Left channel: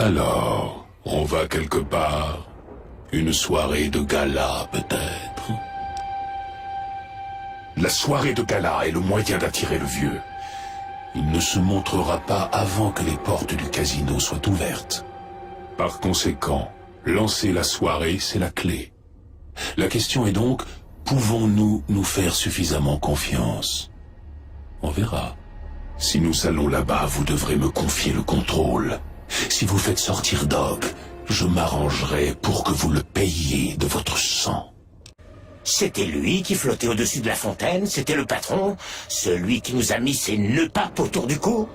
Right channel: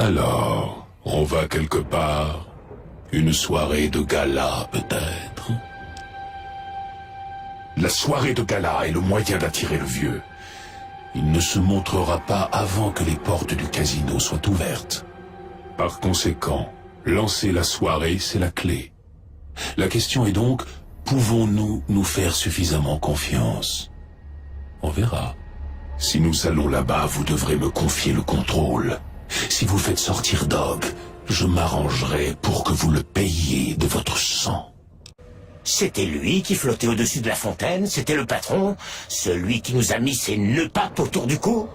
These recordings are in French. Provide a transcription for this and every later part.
Alors, on va quelque part? Une soirée de gala, peut-être? La soirée de gala est le moyen d'attirer le vieux. Il ne se montrera pas avant que les portes du casino soient ouvertes. Par conséquent, lancer la soirée, c'est la clé. La question est donc, pouvons-nous nous faire suffisamment confiance? On verra. Si nous allons là-bas, vous devrez me confier le contrôle. Si vous faites sortir Dog, je m'arrangerai pour que vous le payiez de votre sang. C'était lui qui flottait au-dessus de la fontaine, c'était le patron, celui qui nous a mis ses nœuds papes autour du cou.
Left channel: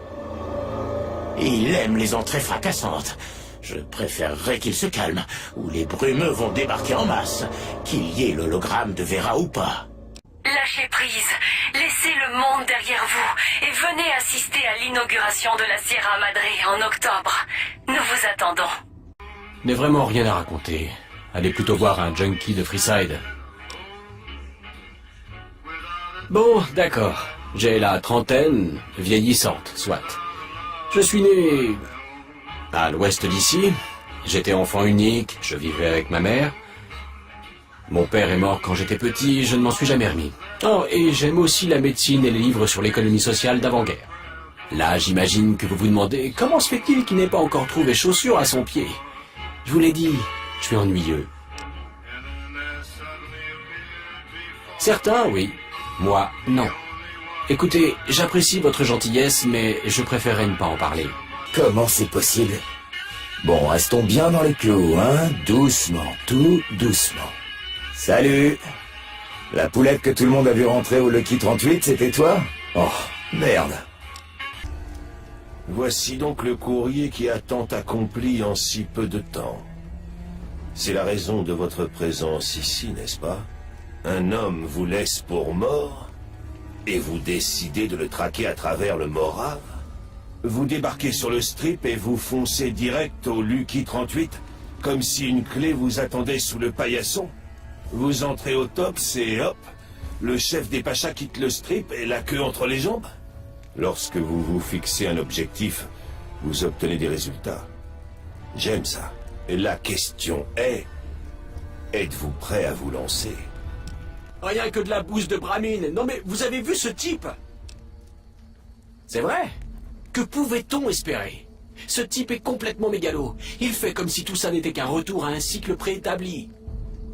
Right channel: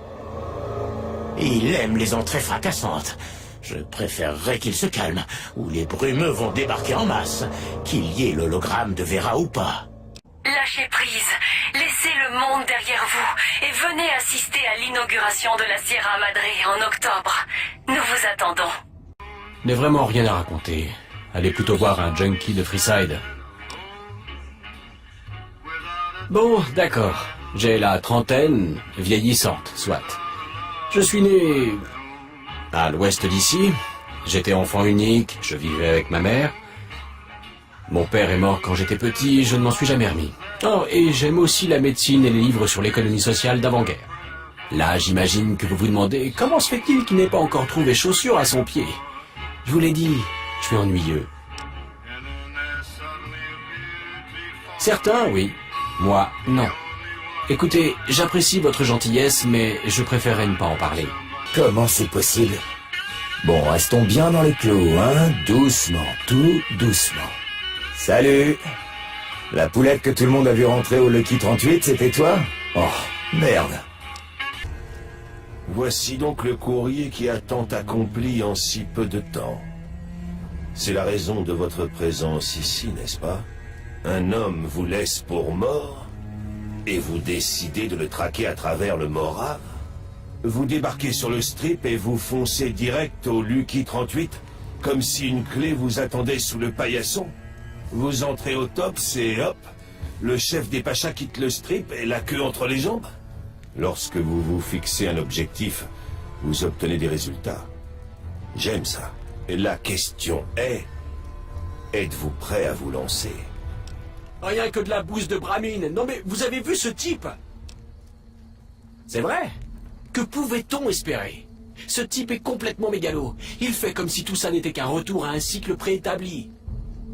Il aime les entrées fracassantes. Je préférerais qu'il se calme, ou les brumeux vont débarquer en masse, qu'il y ait l'hologramme de Vera ou pas. Lâchez prise, laissez le monde derrière vous et venez assister à l'inauguration de la Sierra Madre en octobre. Nous vous attendons. N'est vraiment rien à raconter. Allez plutôt voir un junkie de Freeside. Bon, d'accord. J'ai la trentaine, vieillissante, soit. Je suis né à l'ouest d'ici. J'étais enfant unique, je vivais avec ma mère. Mon père est mort quand j'étais petit, je ne m'en suis jamais remis. Oh, et j'aime aussi la médecine et les livres sur l'économie sociale d'avant-guerre. Là, j'imagine que vous vous demandez comment se fait-il qu'il n'ait pas encore trouvé chaussures à son pied. Je vous l'ai dit, je suis ennuyeux. Certains, oui. Moi, non. Écoutez, j'apprécie votre gentillesse, mais je préférerais ne pas en parler. Comment c'est possible? Bon, restons bien dans les clous, hein? Doucement, tout doucement. Salut! La poulette que tout le monde a vu rentrer au Lucky 38, c'était toi? Oh, merde. Voici donc le courrier qui a tant accompli en si peu de temps. C'est la raison de votre présence ici, n'est-ce pas? Un homme vous laisse pour mort, et vous décidez de le traquer à travers le Morave? Vous débarquez sur le strip et vous foncez direct au Lucky 38, comme si une clé vous attendait sous le paillasson? Vous entrez au top, c'est hop, le chef des Pachas quitte le strip et la queue entre les jambes? Lorsque vous vous fixez un objectif, vous obtenez des résultats. J'aime ça. Et la question est, êtes-vous prêt à vous lancer? Rien que de la bouse de Bramine. Non mais vous avez vu ce type? C'est vrai? Que pouvait-on espérer? Ce type est complètement mégalo. Il fait comme si tout ça n'était qu'un retour à un cycle préétabli.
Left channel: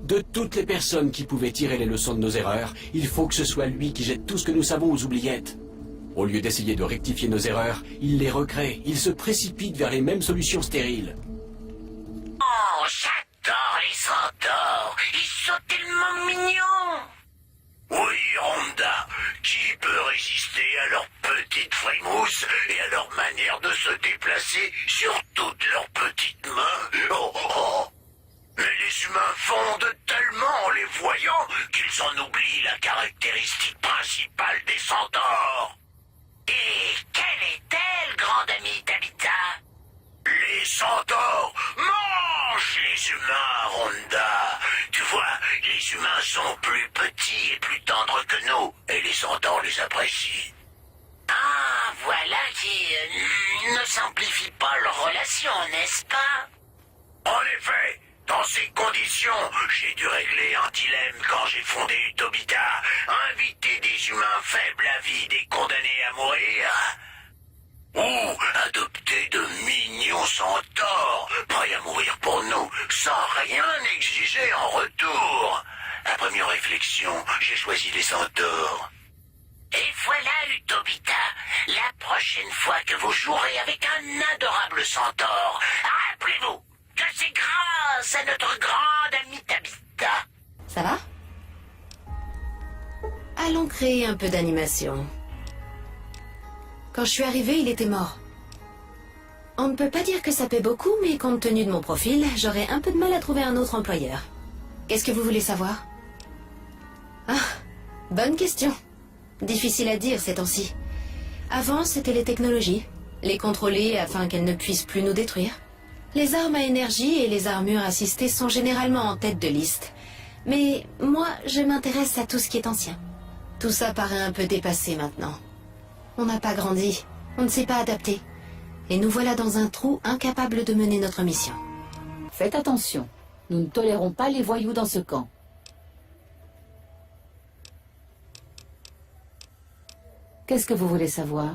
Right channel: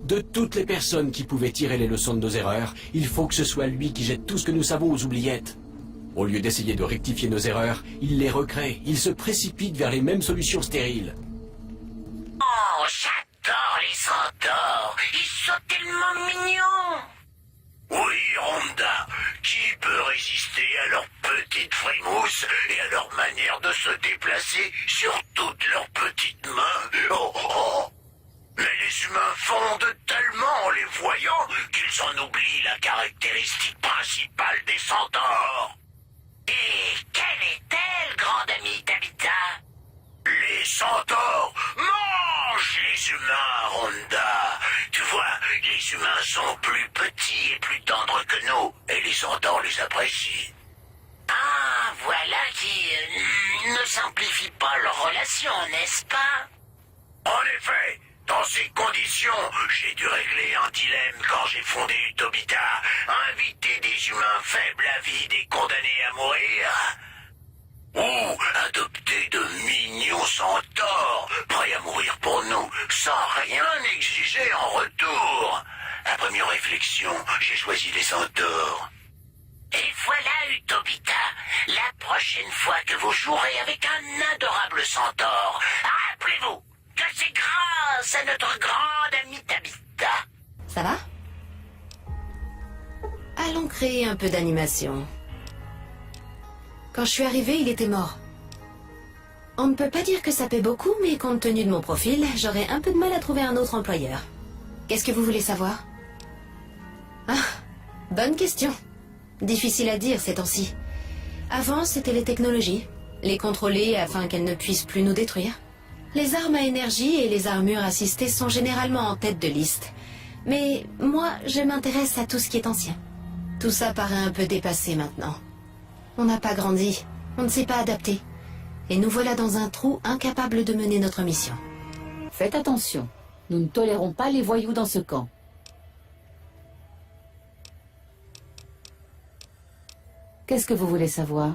De toutes les personnes qui pouvaient tirer les leçons de nos erreurs, il faut que ce soit lui qui jette tout ce que nous savons aux oubliettes. Au lieu d'essayer de rectifier nos erreurs, il les recrée. Il se précipite vers les mêmes solutions stériles. Oh, j'adore les centaures. Ils sont tellement mignons. Oui, Rhonda, qui peut résister à leurs petites frimouses et à leur manière de se déplacer sur toutes leurs petites mains? Oh, oh. Mais les humains fondent tellement en les voyant qu'ils en oublient la caractéristique principale des centaures. Et quelle est-elle, grande amie Tabitha? Les centaures mangent les humains, Rhonda. Tu vois, les humains sont plus petits et plus tendres que nous, et les centaures les apprécient. Ah, voilà qui ne simplifie pas leur relation, n'est-ce pas? En effet, dans ces conditions, j'ai dû régler un dilemme quand j'ai fondé Utobita. Inviter des humains faibles, avides et condamnés à mourir, ou adopter de mignons centaures, prêts à mourir pour nous, sans rien exiger en retour. Après mes réflexions, j'ai choisi les centaures. Et voilà, Utobita, la prochaine fois que vous jouerez avec un adorable centaure, rappelez-vous que c'est grâce à notre grande amie Tabitha. Ça va? Allons créer un peu d'animation. Quand je suis arrivée, il était mort. On ne peut pas dire que ça paie beaucoup, mais compte tenu de mon profil, j'aurais un peu de mal à trouver un autre employeur. Qu'est-ce que vous voulez savoir? Ah, bonne question. Difficile à dire ces temps-ci. Avant, c'était les technologies. Les contrôler afin qu'elles ne puissent plus nous détruire. Les armes à énergie et les armures assistées sont généralement en tête de liste. Mais moi, je m'intéresse à tout ce qui est ancien. Tout ça paraît un peu dépassé maintenant. On n'a pas grandi, on ne s'est pas adapté. Et nous voilà dans un trou incapable de mener notre mission. Faites attention. Nous ne tolérons pas les voyous dans ce camp. Qu'est-ce que vous voulez savoir?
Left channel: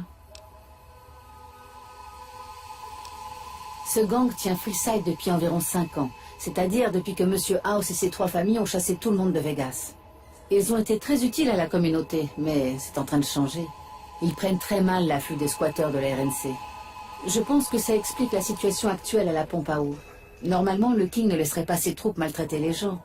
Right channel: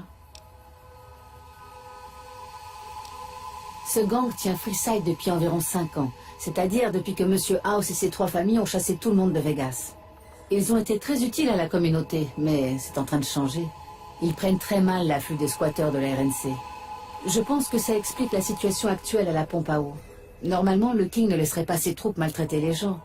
Ce gang tient Freeside depuis environ 5 ans, c'est-à-dire depuis que Monsieur House et ses 3 familles ont chassé tout le monde de Vegas. Ils ont été très utiles à la communauté, mais c'est en train de changer. Ils prennent très mal l'afflux des squatteurs de la RNC. Je pense que ça explique la situation actuelle à la pompe à eau. Normalement, le King ne laisserait pas ses troupes maltraiter les gens.